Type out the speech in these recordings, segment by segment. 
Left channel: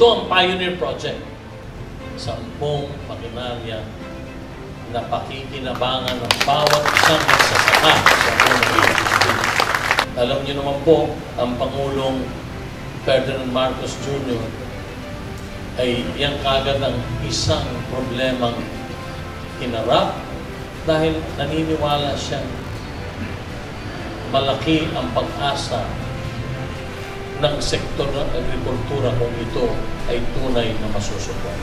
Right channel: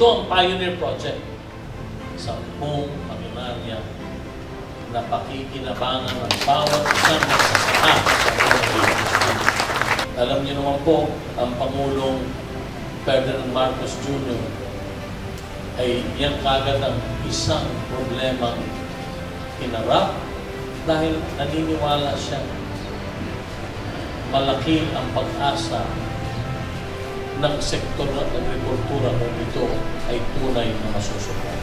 Ito ang pioneer project. 10 makinarya na pakikinabangan ng bawat isang magsasaka sa unang industry. Alam niyo naman po, ang Pangulong Ferdinand Marcos Jr. ay yan kagad ang isang problemang hinarap dahil naniniwala siya malaki ang pag-asa ng sektor ng agrikultura kung ito ay tunay na masusubok.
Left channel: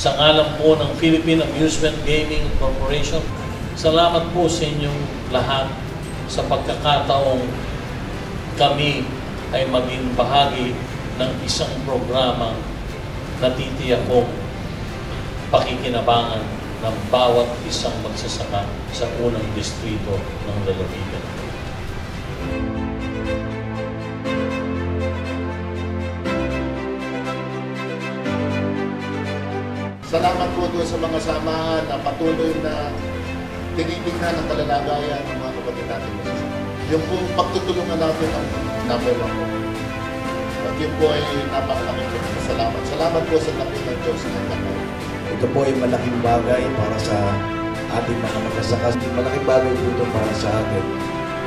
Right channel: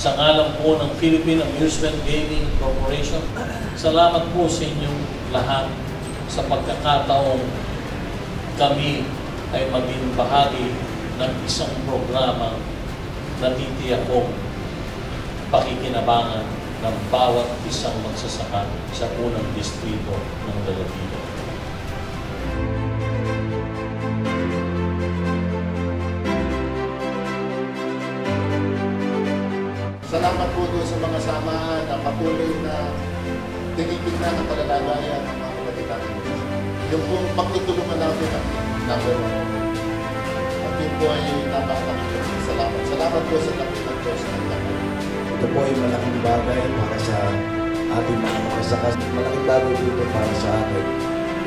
Sa ngalan po ng Philippine Amusement Gaming Corporation, salamat po sa inyong lahat sa pagkakataong kami ay maging bahagi ng isang programa na titiyakong pakikinabangan ng bawat isang magsasaka sa unang distrito ng lalawigan. Salamat po doon sa mga samahan na patuloy na tinitignan ang kalalagayan ng mga kapatid natin. Yung po pagtutulungan natin ang number 1 po. At yun po ay napakalaking salamat. Salamat po sa laki ng Diyos na nagkakaroon. Ito po ay malaking bagay para sa ating mga magsasaka. Malaking bagay po ito para sa atin.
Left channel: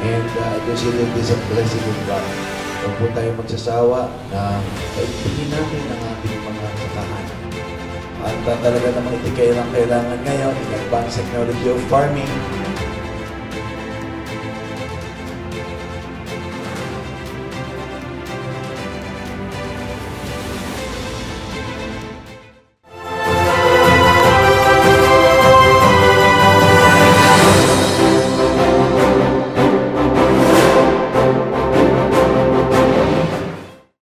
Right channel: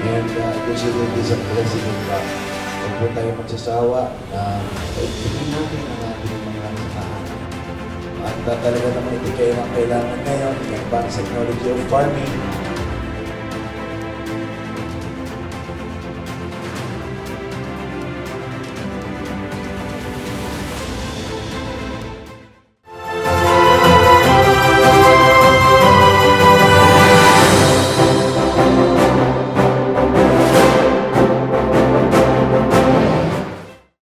And consider this a blessing of God. Huwag po tayo magsasawa na paigtingin natin ang ating mga sakahan. At talaga naman ito kailangan ngayon in advanced technology of farming.